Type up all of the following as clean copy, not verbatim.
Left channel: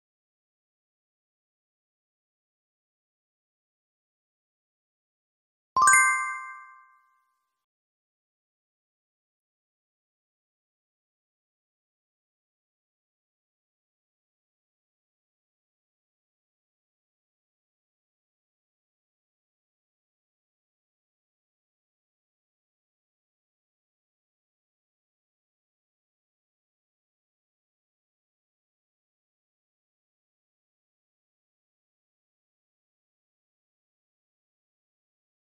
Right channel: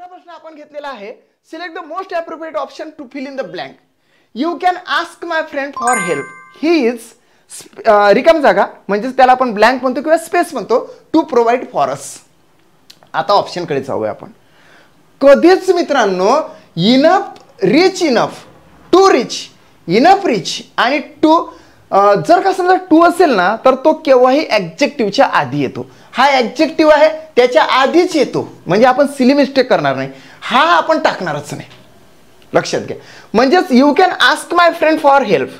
दुसरा प्रश्न आपण घेतलेला आहे, select the most appropriate option to fill in the blank. You can ask my friend for help. He is रिकाम जागा म्हणजे त्याला आपण ब्लँक म्हणतो किंवा स्पेस म्हणतो, टू प्रोव्हाइड फॉर अस. आता ऑप्शनकडे जाऊया आपण. कधीच मित्रांनो enough, rich enough, to rich, enough rich आणि टू जर का समजा टू असेल ना तर तो केव्हाही ॲडजेक्टिव्हच्या आधी येतो. हा ॲडजेक्टिव्ह आहे त्याच्या आधीच येतो, म्हणजे आपण सिली मिस्टेक करणार नाही, हा आपण टाकणारच नाही. लक्षात घ्या. म्हणजेच you can ask my friend for help.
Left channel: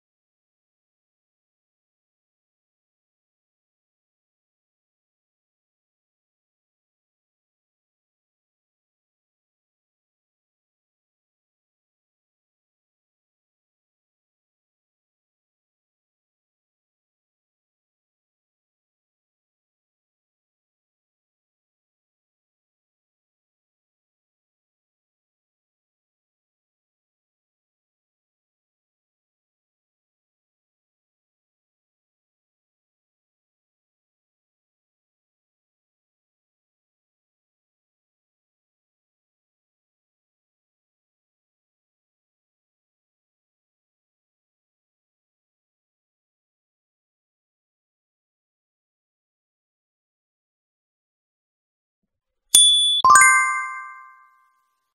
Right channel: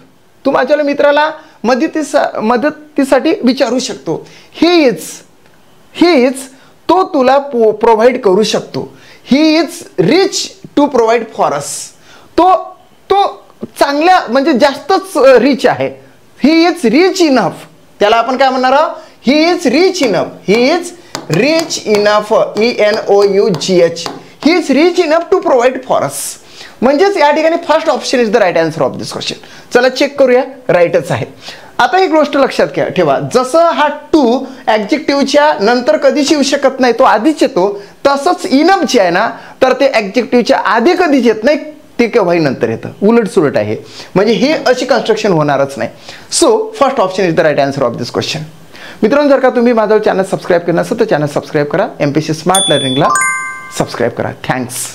तू माझ्या मित्राला मदतीसाठी विचारू शकतो. ही इज तो तुला प्रोव्हाइड करू शकतो. He is rich to provide for us. तो चांगल्या म्हणजे जास्तच रिच आहे. He is rich enough. त्याला आपण काय म्हणणार आहोत? He is rich enough. He is rich enough, ENOUGH. He is rich enough to provide for us. म्हणजेच या ठिकाणी first option is the right answer of this question. चला चेक करूया, राईटच आहे. आता एक गोष्ट लक्षात ठेवा, जसं हा टू ॲडजेक्टिव्हच्या नंतर कधीच येऊ शकत नाही, तो आधीच येतो, तसंच इनफ जे आहे ना तर ते ॲडजेक्टिव्हच्या आधी कधीच येत नाही, ते केव्हाही नंतर येतं. उलट सुलट आहे, म्हणजे हे अशी कन्स्ट्रक्शन होणारच नाही. So first option is the right answer of this question. मित्रांनो, जर का तुम्ही माझं चॅनल सबस्क्राईब केलं नसेल तर चॅनल सबस्क्राईब करा. MPSC स्मार्ट लर्निंगला सबस्क्राईब करा. थँक्स.